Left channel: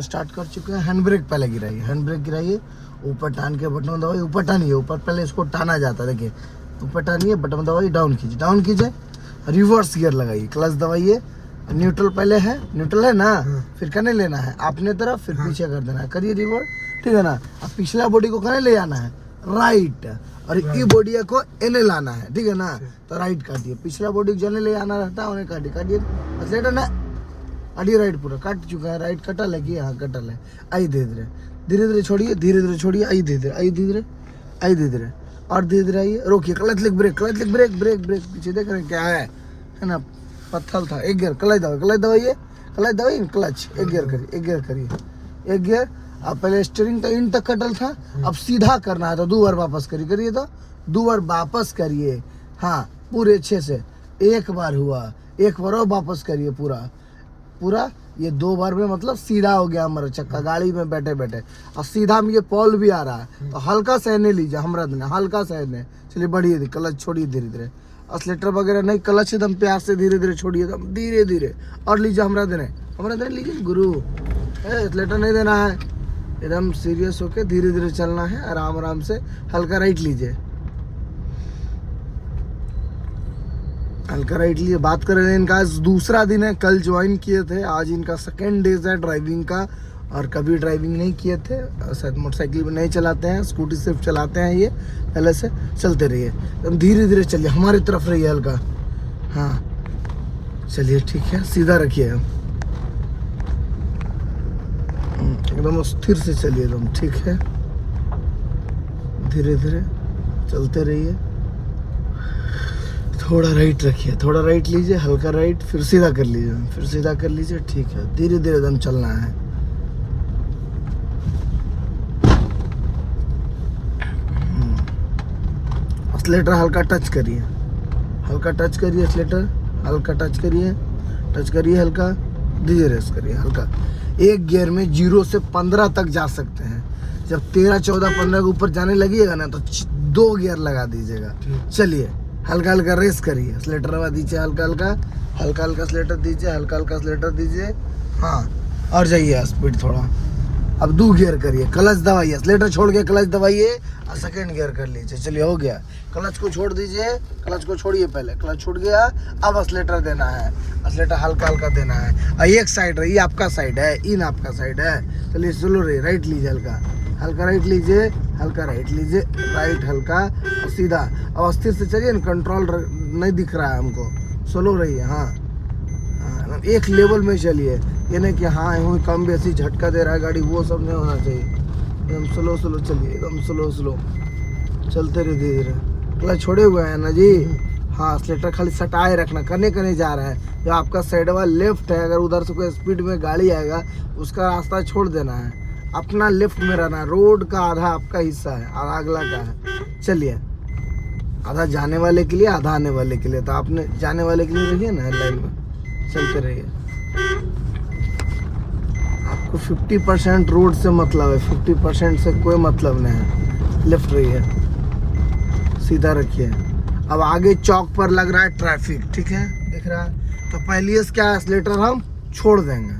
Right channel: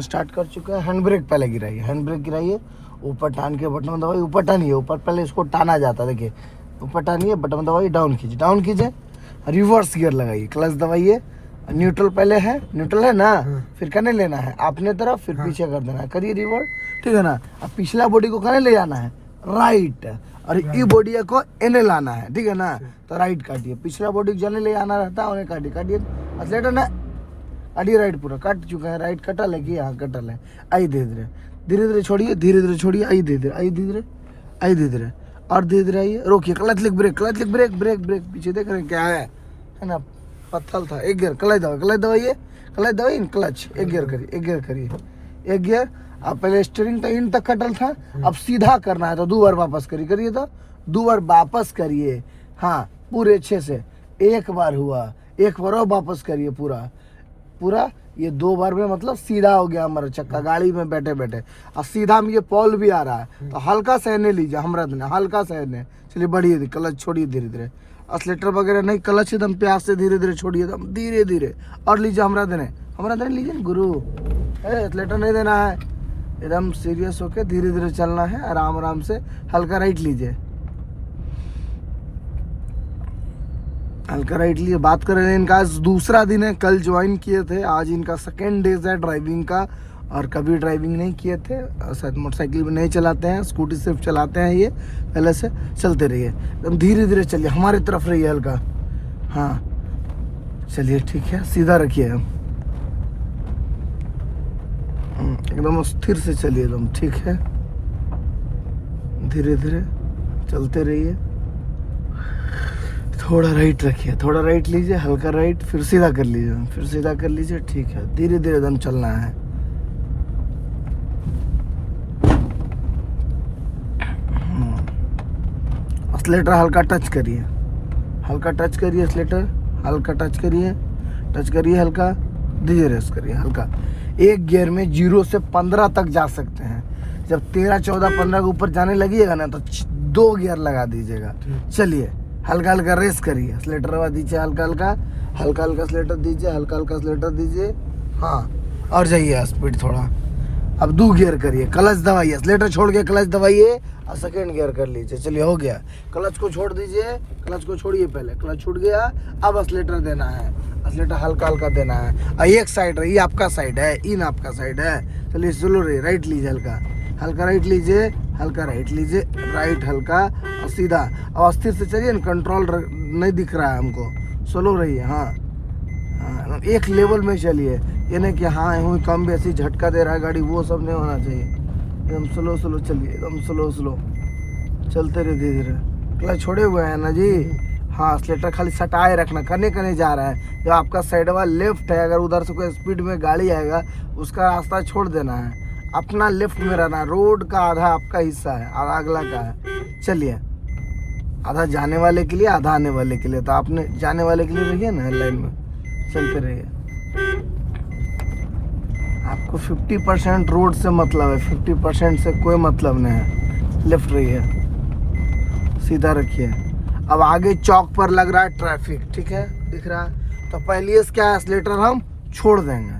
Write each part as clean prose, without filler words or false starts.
Start कर चुके हैं। हैंड ब्रेक पहले गिराइए, हैंड ब्रेक गिराइए, ऊपर टान के बटन दबाइए, ऊपर टानिए, ऊपर पहले इसको टाना जाता है, देखिए ऊपर टानिए, बटन दबाइए, डाउन कीजिए, डाउन कीजिए, रिवर्स गियर लगाइए, क्लच दबाइए, न्यूट्रल पहले है, न्यूट्रल है ना, फिर कने लेना है अपने तरफ, फिर पीछे कर देना है, करिए रिवर्स, ठीक है ना। अब पिछला बॉडी को कने ले जाना है, राइट, और ई बॉडी को एने लाना है, ठीक है ना, तो राइट काटिए, पिछला बॉडी जने ले जाना रहता है, उन्हें काटिए, काटिए एक्सीलेटर ने अड़ी राइट पूरा कट चुका है, राइट कटल है कि यहाँ कटल है, आई धीरे धीरे धीरे धीरे छोड़िए, धीरे धीरे छोड़िए, आई धीरे धीरे, आई धीरे धीरे, आई धीरे धीरे, और धीरे धीरे आइए, रोकिए, क्लच लिक ब्रेक, क्लच लिक ब्रेक, ब्रेक ब्रेक, पीछे देख रहे हैं क्या है ना, पत्थर था, एक गियर, क्लच दबाइए, क्लच दबाइए, क्लच दबाइए, क्लच एक गियर करिए, एक गियर करिए, एक गियर। अब पहले स्टीयरिंग तक इन तक कटल था, अब सीधा करना है तो 2 बार वापस करिए, करिए तो 2 बार वापस करिए, हाँ पूरे अच्छे से, एक बार हुआ, एक बार और वापस करिए पूरा पूरा, ये 2 बार में मतलब सीधा हो गया हमारा चक्का, गाड़ी में बैठे बैठे, और सीधा में ये पॉल भी आ रहा है, तो हल्का सहने लीजिए, हमरा देना हल्का सहने, चलिए बढ़िए, क्लच छोड़िए धीरे धीरे, एक्सीलेटर वगैरह नहीं, क्लच एकदम प्यार से धीरे धीरे छोड़िए, एकदम धीरे धीरे, और लीजिए हमरा देने लीजिए गुरु, एक्सीलेटर नहीं देना है, एकदम सीरियस होके धीरे धीरे चलना है, आराम आराम से, हल्का राइट लीजिए, हल्का राइट लिए। बात करें, इनका दूसरा दिन है, कल ज्वाइन किए थे, आज इनका सेकेंड डे है ड्राइविंग का, और कभी ड्राइविंग नहीं किए थे, शायद मोटरसाइकिल में नहीं चलाते हैं, स्कूटी सिर्फ चलाते हैं, ये पहले से चलते रहिए, एकदम धीरे धीरे चलिए, हमारी तरफ रहिए हल्का, हाँ चलिए ठीक है, सीधा रखिए, एकदम स्थिर से चलिए, एकदम ठीक है, धीरे धीरे चलते रहिए, थोड़ा राइट रखिए, थोड़ा राइट लीजिए, हल्का राइट, फिर सीधा कर लीजिए, फिर सीधा कर लीजिए, ठीक है, धीरे धीरे एकदम चलना है, एक्सीलेटर हल्का टच करिए, हल्का टच करिए, एक्सीलेटर हल्का टच करिए, हल्का धीरे रेस करिए, हल्का, एक गियर में 0 से 15 तक जा सकते हैं, जब 13, 14, 15 के ऊपर जाने लगिएगा ना, तो 2 गियर लगा दीजिएगा, चलिए हल्का हल्का रेस करिए, एक्सीलेटर दीजिए, हल्का हल्का एक्सीलेटर दीजिए, हल्का हल्का एक्सीलेटर दीजिए, हाँ, और जाइए स्पीड थोड़ा, अब 2 गियर करिए, क्लच दबाइए, एक्सीलेटर छोड़ के क्लच दबाइए, और सेकंड गियर कर लीजिए, चलिए हो गया, क्लच को छोड़ दीजिए, क्लच को छोड़िए, पहले क्लच छूट गया, अब एक्सीलेटर देना है, एक्सीलेटर हल्का हल्का देना है, और एक साइड ये आपका साइड है, इन आपका साइड है, चलिए स्लो रहिए, राइट लीजिए, हल्का हल्का राइट लीजिए, हल्का राइट लीजिए, राइट हल्का सीधा, और स्थिर से चलिए, कंट्रोल नहीं दिख रहा है हमको, स्लो रहिए, हाँ एक लेवल में चलिए, ये नहीं कि हाँ कम बेसी झटका दे रहा है गाड़ी, वो सब नहीं होना चाहिए, एकदम स्लो स्लो चलिए, एकदम स्लो स्लो चलते रहिए, धीरे धीरे, क्लच छोड़े हुए हैं ना जी, हाँ एक्सीलेटर खाली सटाए रखना, करने जा रहा है, जो आपका साइड वाला लेफ्ट है, अगर उधर से कोई स्पीड में गाड़ी आएगा उसका रास्ता छोड़ देना है, अपना लेफ्ट में रहना, रोड का आधा आपका हिस्सा है, आधा अगला का है, चलिए आधा जाने वाले के लिए, आधा आने वाले के लिए, तो आपने जाने वाले के लिए रहिए ना, लाइन में चलते रहिए, आपको 50% रोड से मतलब है, 50% से कोई मतलब नहीं है, लेफ्ट रहिए, सीधा रखिए, अब आगे चौक पर लग रहा है ट्रैफिक, ठीक है दिख रहा है, तो पहले से क्या एक्सीलेटर हम छोड़ देंगे,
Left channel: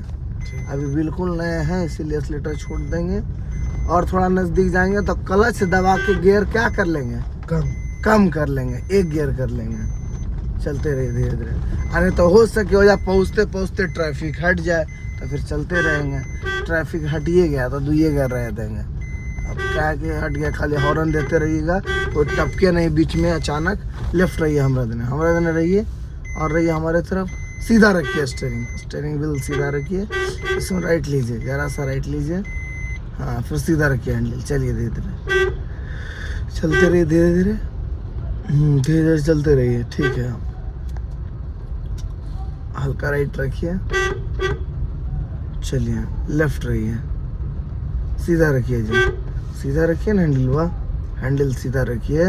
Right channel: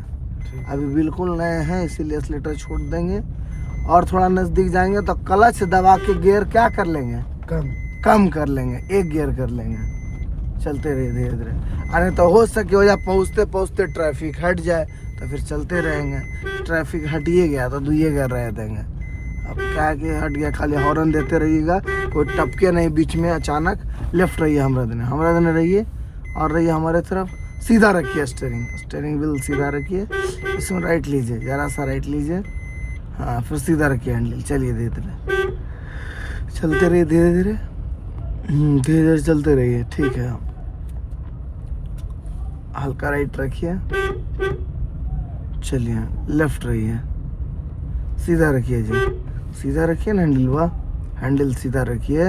अभी बिल्कुल नए हैं इसीलिए एक्सीलेटर छोड़ देंगे, और थोड़ा नजदीक जाएंगे तो क्लच दबा के गियर क्या कर लेंगे, कम कर लेंगे, एक गियर कर लेंगे, चलते रहिए धीरे धीरे, अरे तो हो सके हो जाए पहुँचते पहुँचते ट्रैफिक हट जाए तो फिर चलते रहेंगे, ट्रैफिक हटिए गया तो 2 गियर रह देंगे, अब क्या कि हट गया, खाली हॉर्न देते रहिएगा, कोई टपके नहीं बीच में अचानक, लेफ्ट रहिए, हमरा देने रहिए, और रहिए हमारे तरफ, सीधा रखिए, स्टीयरिंग व्हील सीधा रखिए, इसमें राइट लीजिए, जरा सा राइट लीजिए, हाँ फिर सीधा रखिए हैंडल, चलिए धीरे धीरे चलते रहिए, धीरे धीरे धीरे धीरे चलते रहिए, ठीक है, हल्का राइट रखिए, चलिए लेफ्ट रहिए, सीधा रखिए जी, सीधा रखिए ना हैंडल सीधा रखिए,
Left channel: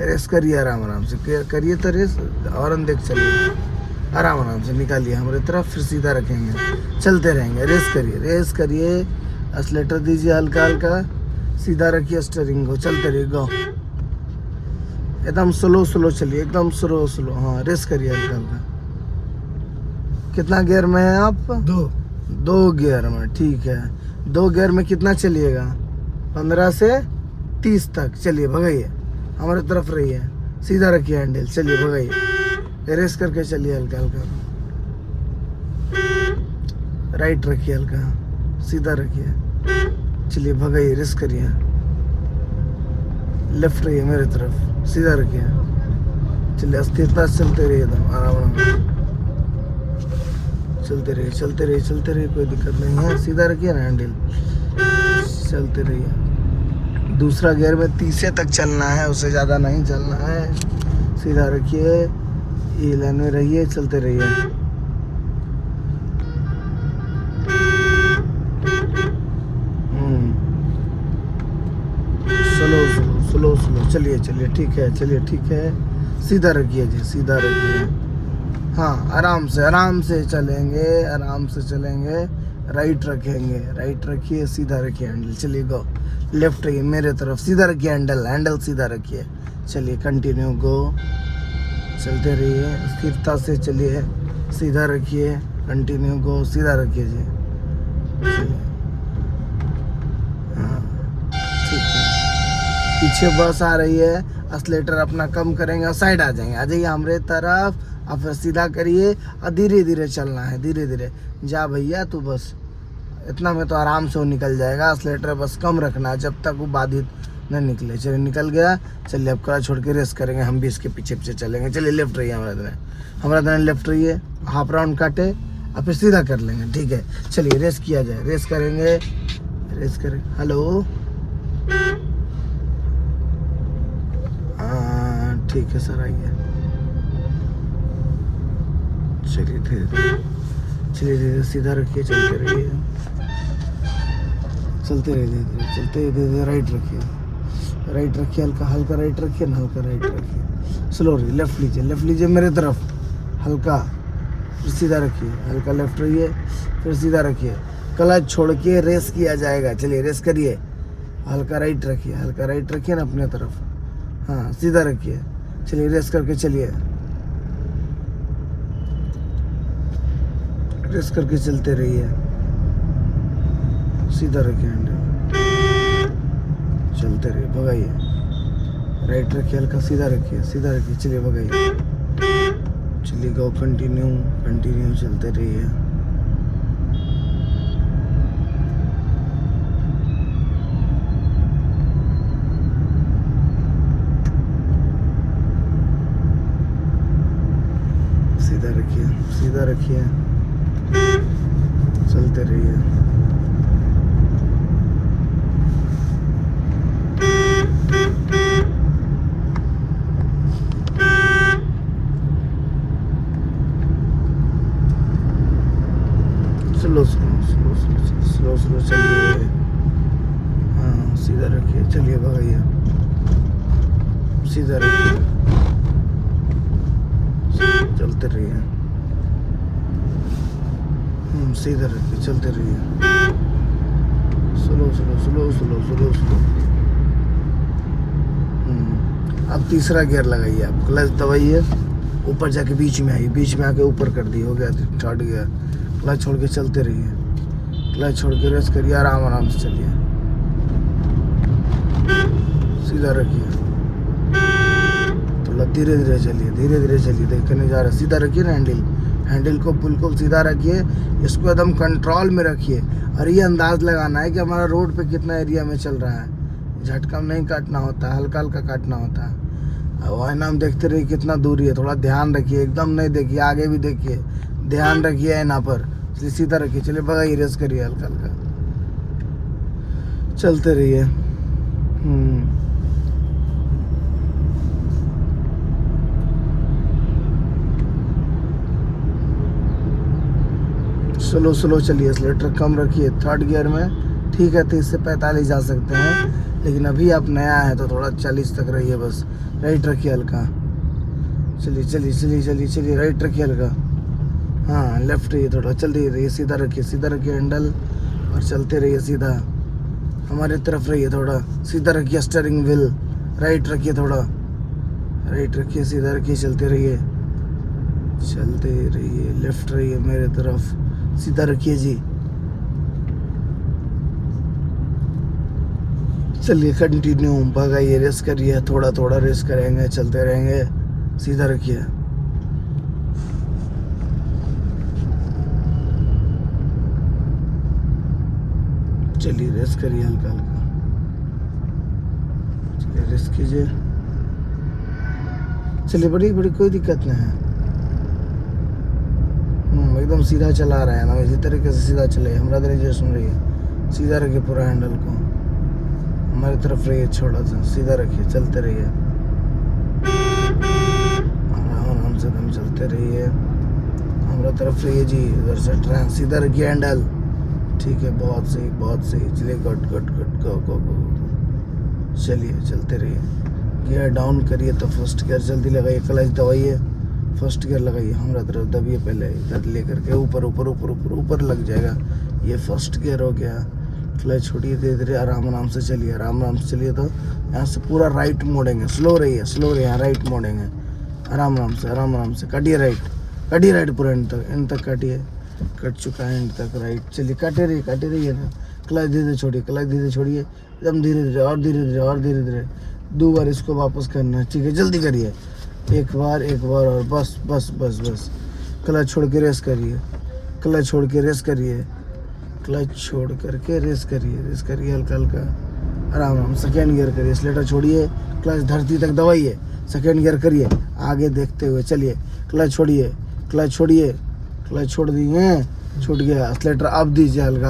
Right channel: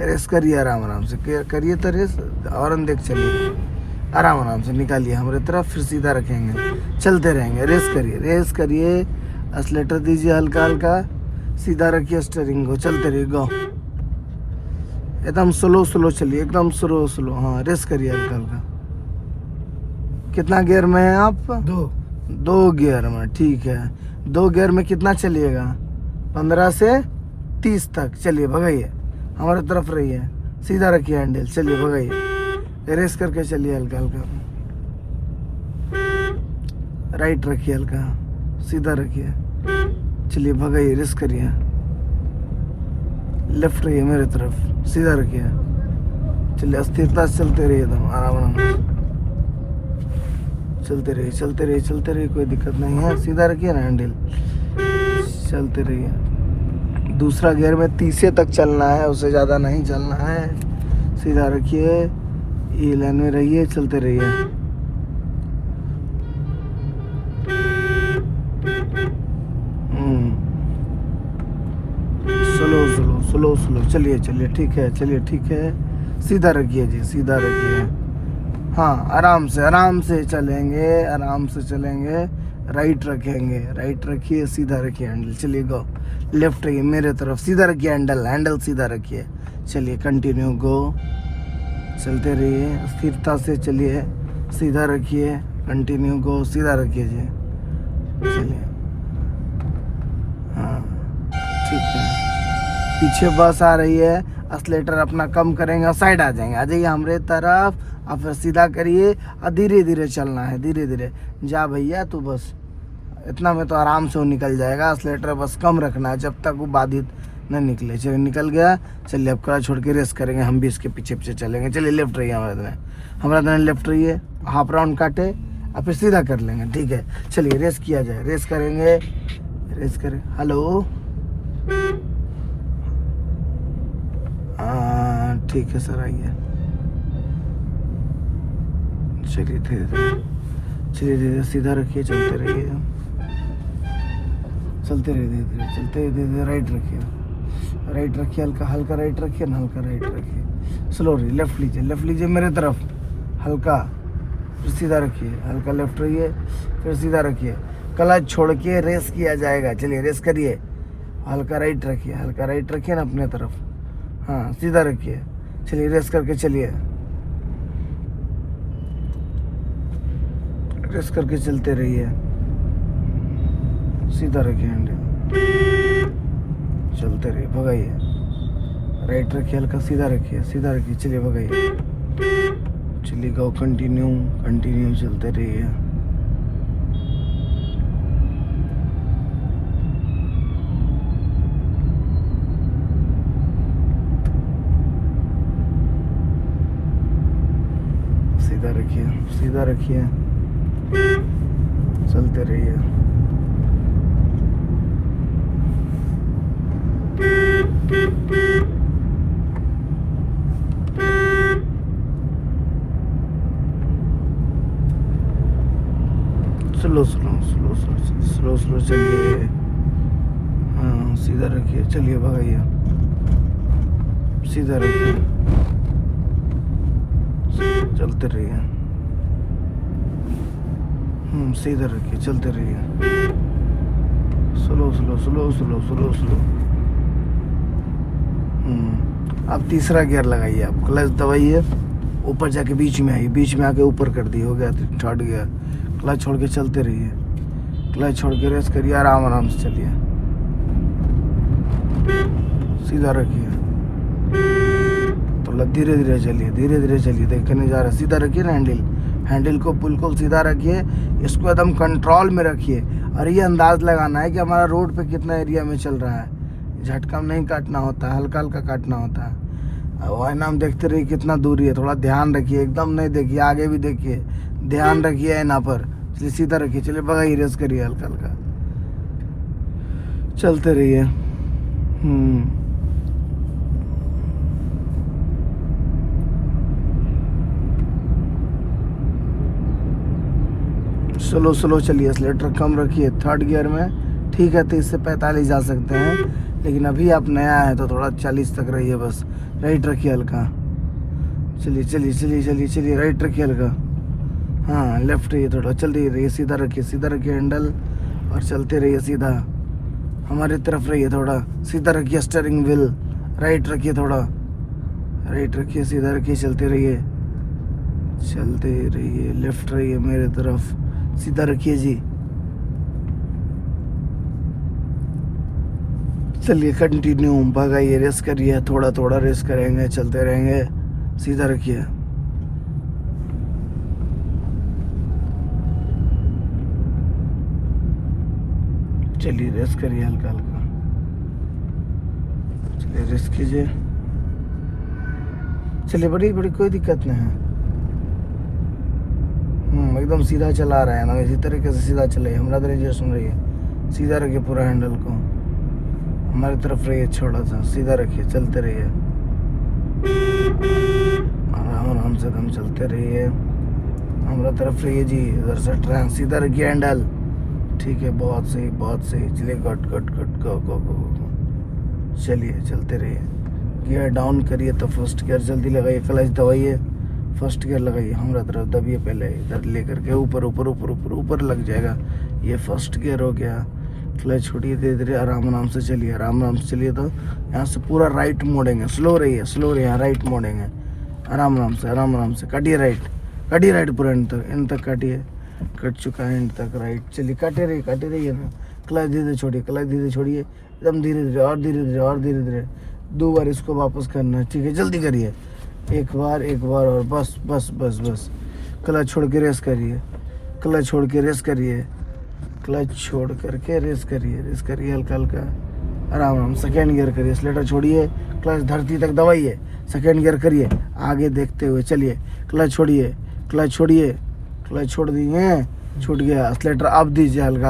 रेस करिए आराम से करिए, तो रेस हॉर्न देख चलिए, आराम से निकालिए हमारे तरफ, फिर सीधा रखेंगे, चलते रहेंगे, रेस करिए, एक्सीलेटर दीजिए हल्का हल्का, सीधा रखिए स्टीयरिंग को, चलते रहिए, गो एकदम स्लो चलिए, एकदम स्लो, हाँ रेस करिए हल्का हल्का, कितना गियर में है आप, 2 गियर में, ठीक है, 2 गियर में कितना चलिएगा? 15 से 30 तक। चलिए भगाइए, हमारे तरफ रहिए, सीधा रखिए हैंडल, चलिए भगाइए, रेस करके चलिए हल्का हल्का, राइट रखिए हल्का, सीधा रखिए, चलिए भगाइए, रेस करिए, लेफ्ट रहिए मेरे तरफ, सीधा रखिए, चलिए स्थिरता से चलते रहिए, एकदम आराम आराम चलते रहिए, चलते रहिए, चलते रहिए, कोई दिक्कत नहीं है, सीधा रखिए ना हैंडल, चलते रहिए। दूसरा गियर में 30 तक चलना है, उससे ज़्यादा नहीं चलना है, सीधा रखिए, ई लाइन में रहिए, चलते रहिए। स्लो स्लो चलिए, चलिए ठीक है, चलिए ठीक है, सीधा रखिए जी, सीधा रखिए, हाँ आराम से चलेंगे, आराम से चलेंगे, राइट रखेंगे, राइट रखिए, सीधा रखिए हैंडल, चलिए गो, लेफ्ट रखिए मेरे तरफ, सीधा रखिए हैंडल, हैंडल सीधा रखिए, चलिए कंटिन्यू गो, चलते रहिए, स्थिरता से चलिए, सीधा रखिए, कंटिन्यू गो, सीधा रखिए जी, चलिए, हाँ ठीक है। पीछे बस आ रही है, एक्सीलेटर अपना कम करेंगे, साइड आ जाइए हमारे तरफ, और फिर सीधा करिए, और धीरे धीरे चलना है, धीरे धीरे जा भैया, तू बस इतना में तो आराम से वो निकल जाएगा, एक्सीलेटर बस कम रखना है जब तक वो बाधित नहीं निकले। चलिए निकल गया, चलिए अब कड़ा छोड़ के रेस करेंगे, हम भी इसके पीछे पीछे चलेंगे। चलिए लेफ्ट रहिए, हमारा दिन लेफ्ट रहिए, हाफ राउंड काटे और फिर सीधा कर लेंगे, ठीक है। चलिए रेस किया जाए, रेस करेंगे, रेस करें, हेलो ठीक है सर, आइए, चलिए धीरे धीरे, चलिए धीरे, सीधा रखिए, चलते रहिए, चलते रहिए, धीरे धीरे चलते, धीरे राइट रखिए, राइट रखिए, हल्का हल्का राइट रखिए ना, हल्का राइट रखिए, स्लो रहिए, लेफ्ट लीजिए मेरे तरफ, हल्का, फिर सीधा रखिए, हल्का लेफ्ट रहिए, फिर सीधा रखिए, क्लच छोड़ के रेस किया जाएगा। चलिए रेस करिए, हल्का राइट रखिए, हल्का राइट रखिए ना अपने तरफ, हाँ सीधा रखिए, चलिए रेस करके चलिए, रेस करके चलते रहिए, सीधा रखिए हैंडल, चलते रहिए, भगाइए, राइट रखिए, हल्का सीधा रखिए, सीधा रखिए, चलिए भगाइए, चलिए गो, कंटिन्यू कंटिन्यू चलते रहिए, सीधा रखिए, चलते रहिए, स्लो चलिए, हाँ सीधा रखिए, चलिए भगाइए, सीधा रखिए, चलते रहिए, सीधा रखिए, चलते रहिए, slow slow slow slow slow slow. अब तीसरा गियर लगाइए, आप क्लच दबाइए, ऊपर जाके बीच में आइए, बीच में आके ऊपर कर दिए, हो गया थर्ड गियर, क्लच छोड़ के चलते रहिए, क्लच छोड़ के रेस करिए, आराम आराम से चलिए, सीधा रखिए, थोड़ा धीरे धीरे चलिए, धीरे धीरे चलिए, देखिए नहीं जा रहा, सीधा रखिए ना हैंडल, हैंडल को बिल्कुल सीधा रखिए, इसको एकदम कंट्रोल में रखिए, और ये अंदाज लगाना है कि हमारा रोड पे कितना एरिया में चल रहा है, झटका नहीं काटना होता है, हल्का हल्का काटना होता है, और नाम देखते रहिए कितना दूरी है, थोड़ा ध्यान रखिए, एकदम नहीं देखिए, आगे भी देखिए, ध्यान रखिए यहाँ पर, चलिए सीधा रखिए, चलिए भगाइए, रेस करिए, हल्का हल्का चलते रहिए, स्लो स्लो चलिए, एक्सीलेटर कम रखिए, थर्ड गियर में ठीक है, 30 से 45 जा सकते हैं, लेकिन अभी आप नया है तो थोड़ा 40 तक रहिए, बस राइट रखिए हल्का, चलिए चलिए चलिए चलिए चलिए, राइट रखिए हल्का, हाँ लेफ्ट रहिए, थोड़ा चलते रहिए, सीधा रखिए हैंडल, और चलते रहिए सीधा, हमारे तरफ रहिए, थोड़ा सीधा रखिए स्टीयरिंग व्हील, राइट रखिए, थोड़ा राइट रखिए, सीधा रखिए, चलते रहिए, लेफ्ट रहिए मेरे तरफ, सीधा रखिए जी, चलिए कंटिन्यू भगाइए, रेस करिए, थोड़ा थोड़ा रेस करेंगे, चलते रहेंगे। सीधा रखिए। चलिए रेस करिए हल्का हल्का। चलिए रेस कीजिए। चलिए बड़ी बड़ी कोई दिक्कत नहीं है। एकदम सीधा चला रहे हैं ना, इसी तरीके से सीधा चले। हमारा दरवाजा सुन रही है, सीधा रखिए पूरा हैंडल को, हमारी तरफ रहिए, छोटा सा सीधा रखिए, चलते रहिए, आराम आराम से हम चलते रहिए। हमारा तरफ रहिए जी, उधर से ट्रेन सीधा रखिए हैंडल। ठीक है, बहुत सही बहुत सही। चलिए कट कट कट गो गो गो। चलिए चलते रहिए। गियर डाउन करिए तो फर्स्ट गियर जल्दी लगाइए, क्लच दबाइए, फर्स्ट गियर लगाइए, हमारा तरफ दबिए, पहले इधर लेकर के ऊपर ऊपर ऊपर ऊपर ऊपर लग जाएगा। ये फर्स्ट गियर हो गया। क्लच छोड़िए, धीरे धीरे आराम आराम से चलिए, आराम आराम से चलिए। तो यहाँ से पूरा राइट मोड़ेंगे, स्लो रहिए, राइट मोड़ेंगे, आराम आराम से काटिए राइट पूरा एंड तक काटिए। कट चुका है एंड तक राइट। चलिए काटे रहिए ना। क्लच धीरे छोड़िए, एकदम धीरे धीरे और धीरे धीरे 2 बार इसको वापस करना है। ठीक है, जल्दी करिए, एक बार और बस बस बस बस। क्लच छोड़ के रेस करिए, क्लच छोड़ करके रेस करिए हल्का हल्का, आराम आराम। सेकेंड गियर करिए, स्लेटर छोड़िए, क्लच धरती तक दबाइए, सेकेंड गियर करिए, आगे देखते हुए चलिए। क्लच छोड़िए, क्लच छोड़ दिए, छूट गया। स्लेटर अब दीजिए, हल्का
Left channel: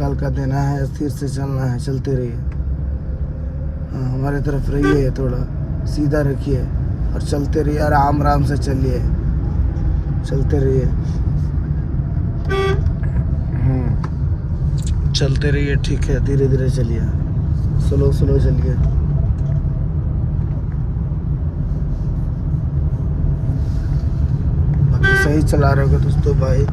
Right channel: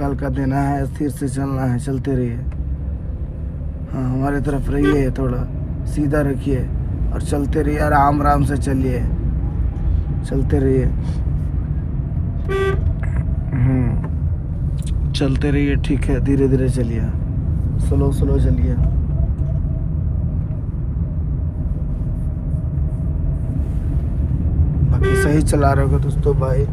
हल्का देना है, स्थिर से चलना है, चलते रहिए। हाँ, हमारे तरफ रहिए, थोड़ा सीधा रखिए और चलते रहिए, आराम आराम से चलिए, चलते रहिए। चलते रहिए, ठीक है, धीरे धीरे चलिए, स्लो चलिए। बाकी सही चला रहे हो दोस्तों भाई।